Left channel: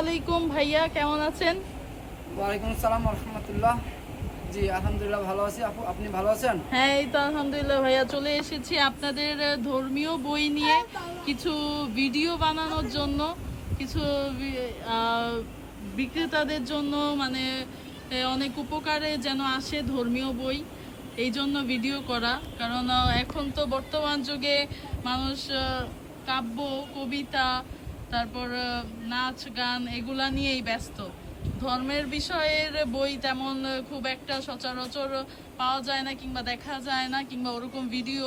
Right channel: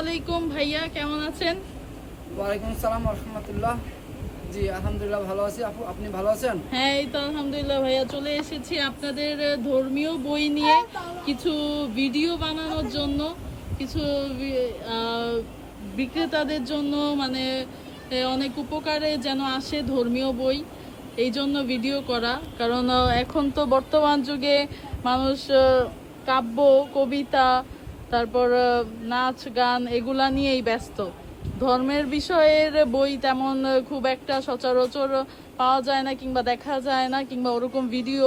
আলাইকুম ভাইয়া কেমন আছেন? ওয়ালাইকুম আসসালাম রহমতুল্লাহ জি আলহামদুলিল্লাহ ভালো আছি। আপু আপনি ভালো আছেন? হ্যাঁ এই তো আলহামদুলিল্লাহ ভাইয়া চলে এসেছি আপনাদের ধর্মীয় বই নিয়ে কিছু ভিডিও বানানোর জন্য কিছু বিক্রেতাদের জন্য মানে অনেক উপকারে যেন আসে ধর্মীয় বই এই জন্য ভিডিও করা। কারণ এখন তো বর্তমান যুগে মানুষ কাব্য কবিতা তারপর নাচ গান এগুলা নিয়েই ব্যস্ত। ধর্মের বিষয়ের বই তেমন খুব একটা সচরাচর পাওয়া যায় না কিংবা দেখা যায় না কিংবা ওরকম ভিডিও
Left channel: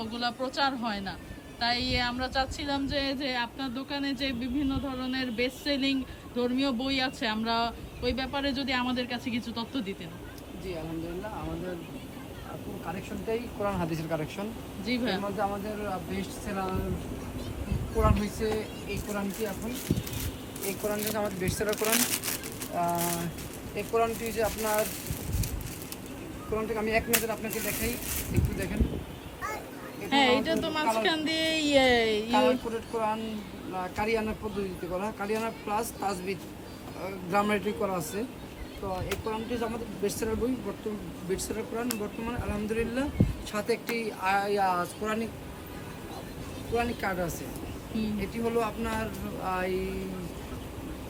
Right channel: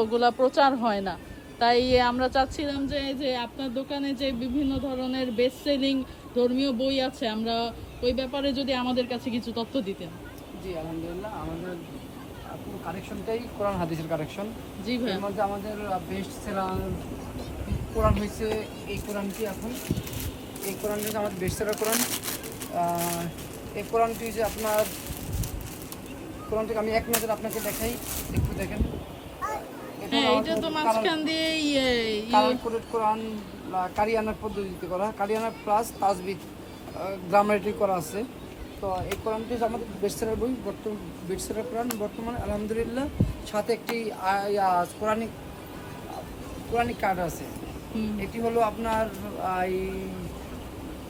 ওগুলা প্রচার হয় না। তাই আমরা চাচ্ছিলাম যে যে আপনার দোকানে যে বিভিন্ন ধরনের বেস্ট সেলিং ধর্মীয় বই আছে আমরা ওই ব্যাপারে যদি আমাদের কাছে কিছু তথ্য দিতেন। জি আলহামদুলিল্লাহ। আমাদের পুরো কালেকশনটাই কোরআন হাদিসের কালেকশন জি মধ্যে আমাদের বেস্ট সেলার কোরআন হয়েছে এই কোরআনটি এখন? এই কোরআনটি হচ্ছে আমাদের বেস্ট সেলার কোরআন এই কোরআনটি যে আপনার কোরআনটিকে আমি এক নজর আপনাকে দেখাই একটু দেখেন। হ্যাঁ এটা তো মাঝখান দিয়ে ইয়ে ইয়ে- কালার কোরআন কারিয়ানার পদ্ধতিতে করা। কারিয়ানা প্লাস তাজবিদ গ্রামারেটি করা আছে। তো এই কোরআনটি হচ্ছে আমাদের বেস্টারের বই বর্তমান বেস্টারের কোরআন। বর্তমানে আলহামদুলিল্লাহ সাথে একটি কোরআনিক কোরআনিক কার্ড আছে। এটি হলো আপনার এই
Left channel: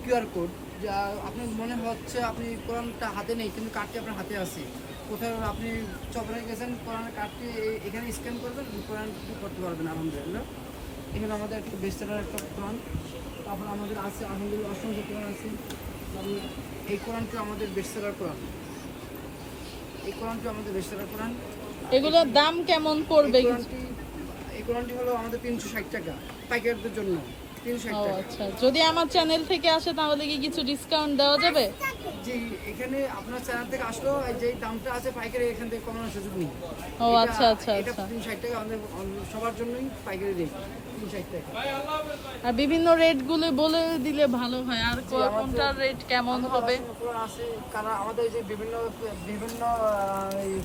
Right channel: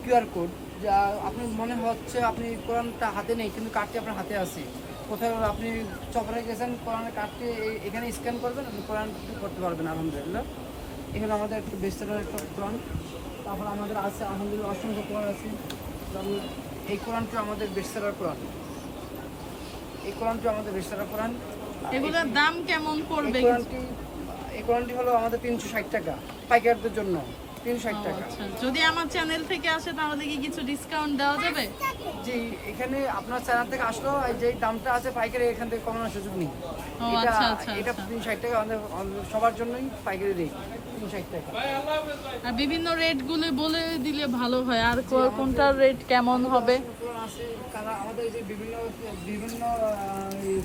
কিউআর কোড যা আপনি মনে হচ্ছে আপনি কোরআনটা হাতে নেই কিন্তু কার্ডটি আপনার হাতে আছে। কোথাও আপনি চপরে গেছেন কোরআনের কার্ডটি এখানে স্ক্যান করবেন আপনি কোরআন করতে পারবেন আলহামদুলিল্লাহ। এখানে আমাদের একটা বেস্টারের একটা কোরআন তারপর আমাদের আছে আলহামদুলিল্লাহ অসংখ্য কোরআন আছে। তারপর এই কোরআনটি আমাদের বেস্টারের কোরআন। এই কোরআনটি আমাদের বেস্টারের কোরআন। এগুলোর দাম কেমন পড়বে? এই কোরআনটি এই কোরআনটি হলো আমাদের তিনশো ষাট টাকা। পাইকারদের জন্য। তিনশো ষাট ও, টাকা। আচ্ছা। যদি আমার চ্যানেল থেকে আসে তাহলে কি কিছু ডিসকাউন্ট দেওয়া যাবে? জি এখানে আপনার চ্যানেল থেকে আসলো যে দামটা আছে পাইকারি এখান থেকে কমানোর সুযোগ নেই। আচ্ছা, আচ্ছা, এটা আচ্ছা। তিন ষাট টাকা আমাদের সবার জন্যই পাইকারি রেট আর বিভিন্ন রেটগুলো বলে দিলে ভালো হয়। আর কোনটার রেট কেমন হবে? আছে কালার আমাদের যে বিভিন্ন বিভিন্ন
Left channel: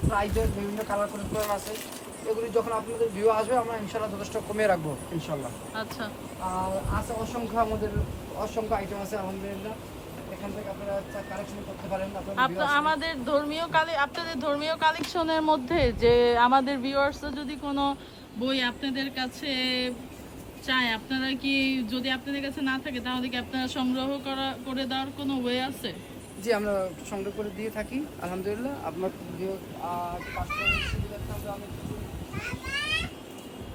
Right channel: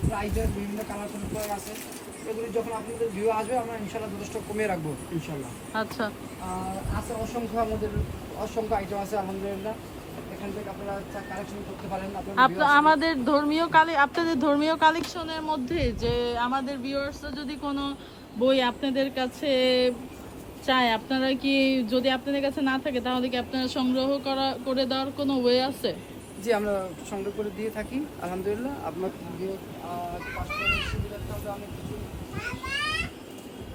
প্রাইজের বিভিন্ন কালার করে আছে এগুলি যখন আপনাদের ভিউ আসবে আমরা ইনশাল্লাহ যথেষ্ট কমিয়ে রাখব ইনশাল্লাহ আচ্ছা। আর আছে অসংখ্য আমাদের অসংখ্য আইটেম আছে আলহামদুলিল্লাহ। এখান থেকে আপনারা কালেকশন করতে পারেন। আমাদের ধর্মীয় কালে আপনাদের ধর্মীয় কালেকশনের মধ্যে যে আমাদের ভিউয়ার্স যদি কোনো বই আপনাদের কাছে চায় আপনারা কি যদি আপনাদের কাছে না থাকে তাহলে কি আপনারা সংগ্রহ করা করে দেওয়ার কোনো ওয়ে আছে? জি আমরা সংগ্রহ করে দিয়ে থাকি আলহামদুলিল্লাহ। আপনার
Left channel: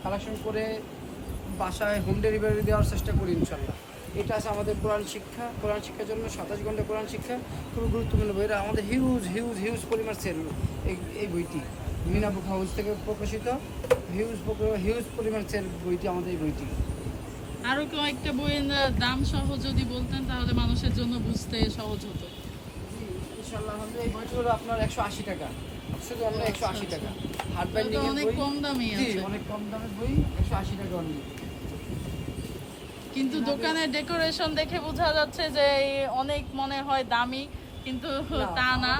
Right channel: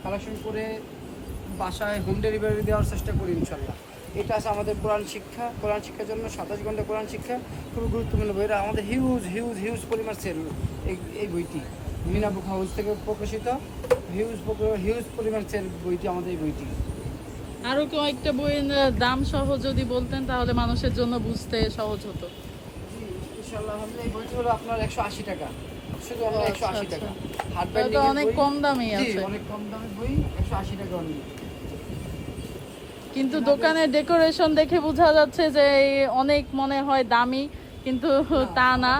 কালেকশন করে বাসায় হোম ডেলিভারি দেওয়ার চেষ্টা করি ইনশাল্লাহ। এটা আছে আমাদের কোরআন শিক্ষা। কোরআন শিক্ষার জন্য সাতাশ ঘণ্টা কোরআন শিক্ষা খুবই গুরুত্বপূর্ণ বই। এটা আমাদের হিউজ হিউজ হিউজ পরিমাণ সেল এই এই বইটি মিনা বুক হাউস থেকে প্রকাশিত। হিউজ হিউজ পরিমাণ সেল বইটি আমাদের এই বইটি। আরও কয়েকটা বইয়ের দাম সহ যদি বলতেন তাহলে মানুষের জন্য বুঝতে সহজ হতো। ইনশাল্লাহ এই বইটি হলো আপনার একশো আশি টাকা। শুধু আমরা আচ্ছা, একশো আশি আচ্ছা। টাকা হার্ড তাহলে অনেক কম দামে আছে। অনেক কম দামের বই একশো আশি টাকা অনলি কিন্তু দোকানের ডেকোরেশন দেখে বোঝা যাচ্ছে যে অনেক মনে হয় দামি কিন্তু তা না।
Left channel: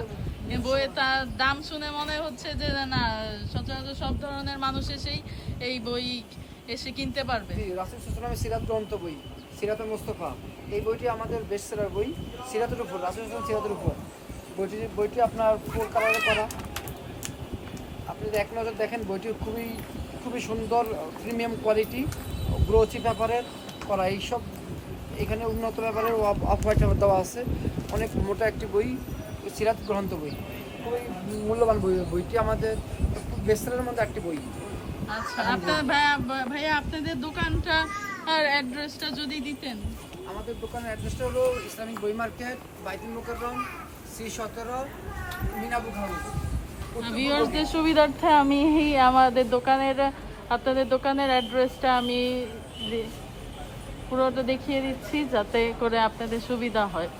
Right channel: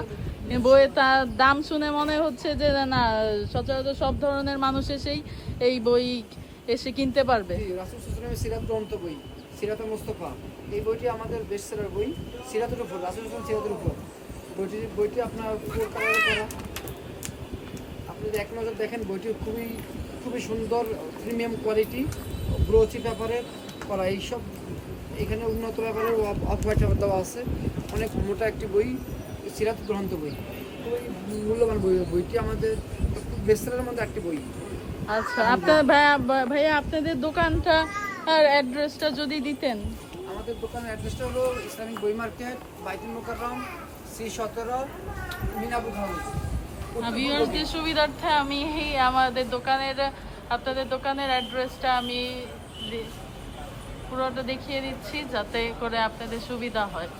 বইয়ে তার দাম শুনে মনে হচ্ছে যে না, সচরাচর সব ধরনের মানুষ এসেই এই বই এসে কিনতে পারবে। রাসুল সুসলামের সিরাত গ্রন্থ বই সিরাতুল মোস্তফা। এই বইটি আমাদের বেস্ট সেলার বই সিরাতের উপর রাসুল সুসলাম সিরাতের উপর বইটি বইটি আপনার ফোর কালারে করা। আপনি এক নজর দেখেন বইটি খুবই খুবই সুন্দর প্রিমিয়াম কোয়ালিটি গ্রোচি পেপারের। করা এইসব এখানে উন্নত ব্যাপারের অফ হোয়াইট দেওয়া আছে। অনেক মোটা একটি বই সিরাত গ্রন্থ বই। খুবই মূল্যবান বই বইটি আমাদের খুব বেস্টারের মধ্যে একটি বই। আচ্ছা আপনার ভাইয়া ভাইয়া আপনাদের দোকানটা আর অ্যাড্রেসটা যদি দিতেন। আমাদের দোকানের অ্যাড্রেসটা হলো ইসলামিক বই মার্কেট বাইতুল মোকাররম সি সতেরো মিনাবুক হাউস ভিউয়ারদের সুবিধার্থে আমি আমাদের দোকানের আপনাদের দোকানের অ্যাড্রেসটা আমি দি- পুরোটা দেখিয়ে দিচ্ছি যাতে করে আপনাদের সুবিধা হয়।